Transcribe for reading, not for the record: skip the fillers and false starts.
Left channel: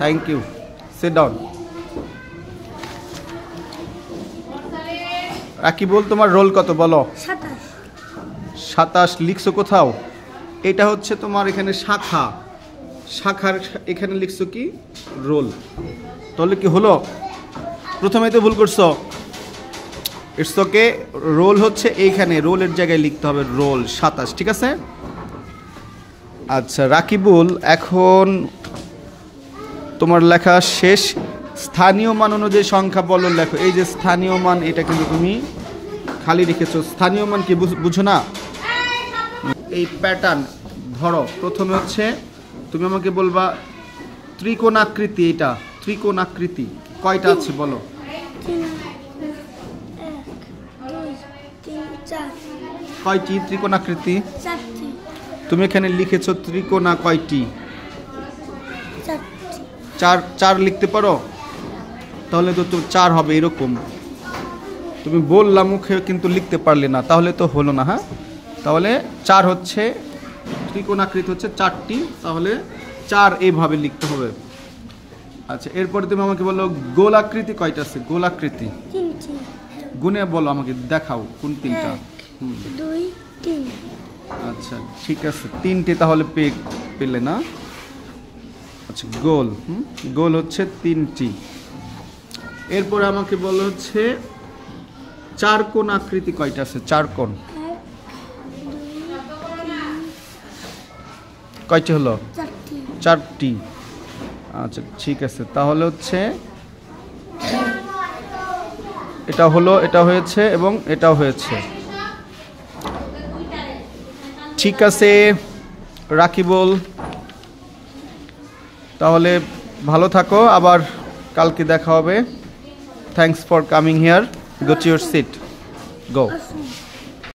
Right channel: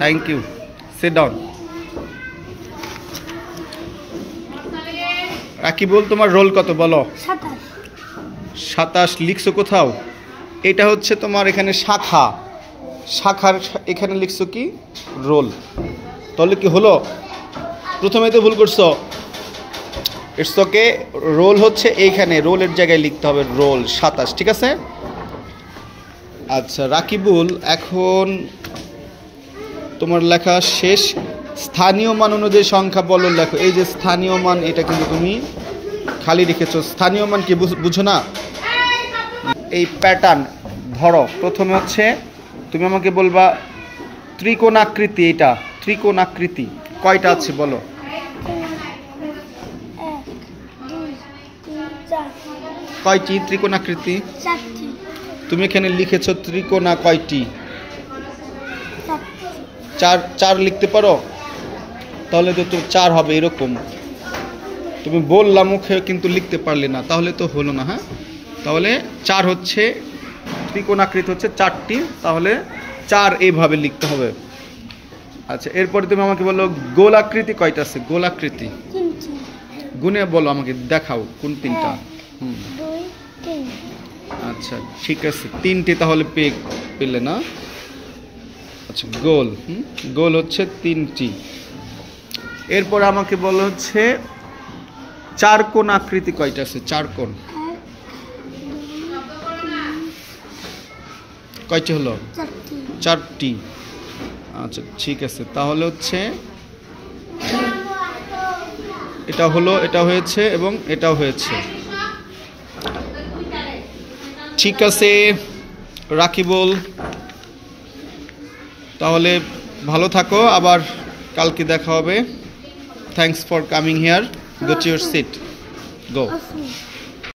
Thank you, sit down. Rakibul, তোমার roll কত বলো? 27। লিখছো কোথাও? এটা হচ্ছে তোমার এখানে শাখা, শাখার এখানে লিখছো কি রোল। তাহলে কি হলো? প্রথমেই তো ভুল করছো। ইটস ওকে, রোল হচ্ছে এইখানে, রোলের জায়গায় লিখতে হবে রোল 27, ঠিক আছে? আচ্ছা রাকিবুল, এখন তোমার লেখা শেষ। স্থানীয় মান অনুযায়ী সংখ্যা বলো লেখো। এই যে স্থানীয় মান, এটা কিন্তু তুমি খালি রেখেছো। স্থানীয় মান কি বুঝো না? এই প্যাটার্ন ধরো, প্রথমে হচ্ছে তুমি আমাকে বলবা ত্রিকোণাকৃতি। এটা ত্রিকোণাকৃতি কয়টা আছে বলো? 1 2 3 4। কয়টি ত্রিকোণাকৃতি? 4টি। তুমি এখানে লিখেছো ত্রিকোণা কয়টি? 4টি। 4 লিখতে পারো? তাহলে তো 4 হবে এরকম। তুমি বললা মুখে কিন্তু লিখতে পারলে না, তাহলে তো হলো না। হ্যাঁ, তাহলে 4 হচ্ছে ত্রিকোণাকৃতি হচ্ছে 4টি, তাহলে 4 এইভাবে লিখতে হবে। আচ্ছা, এরপরে তুমি আমাকে বলো গোলাকৃতি কয়টা আছে? গোলাকৃতি 3টি। গুনে বলো, আমাকে দেখাও কোন 3টা। 1 2 3। আচ্ছা ঠিক আছে, 3টি তাহলে পেলে না? আচ্ছা গোল, গোল হচ্ছে 3টি। এরপরে আমাকে বলো হচ্ছে চার কোণ আকৃতি কয়টা আছে? 4 কোণ কয়টি হলো? 4টি। আচ্ছা ঠিক আছে, তাহলে হচ্ছে এটা হলো, এটা হয়েছে এবং এটাও হয়েছে। ঠিক আছে রাকিবুল, তাহলে ভালো থাকো, আবার কালকে দেখা হবে। Thanks for coming here. Go to your seat, go.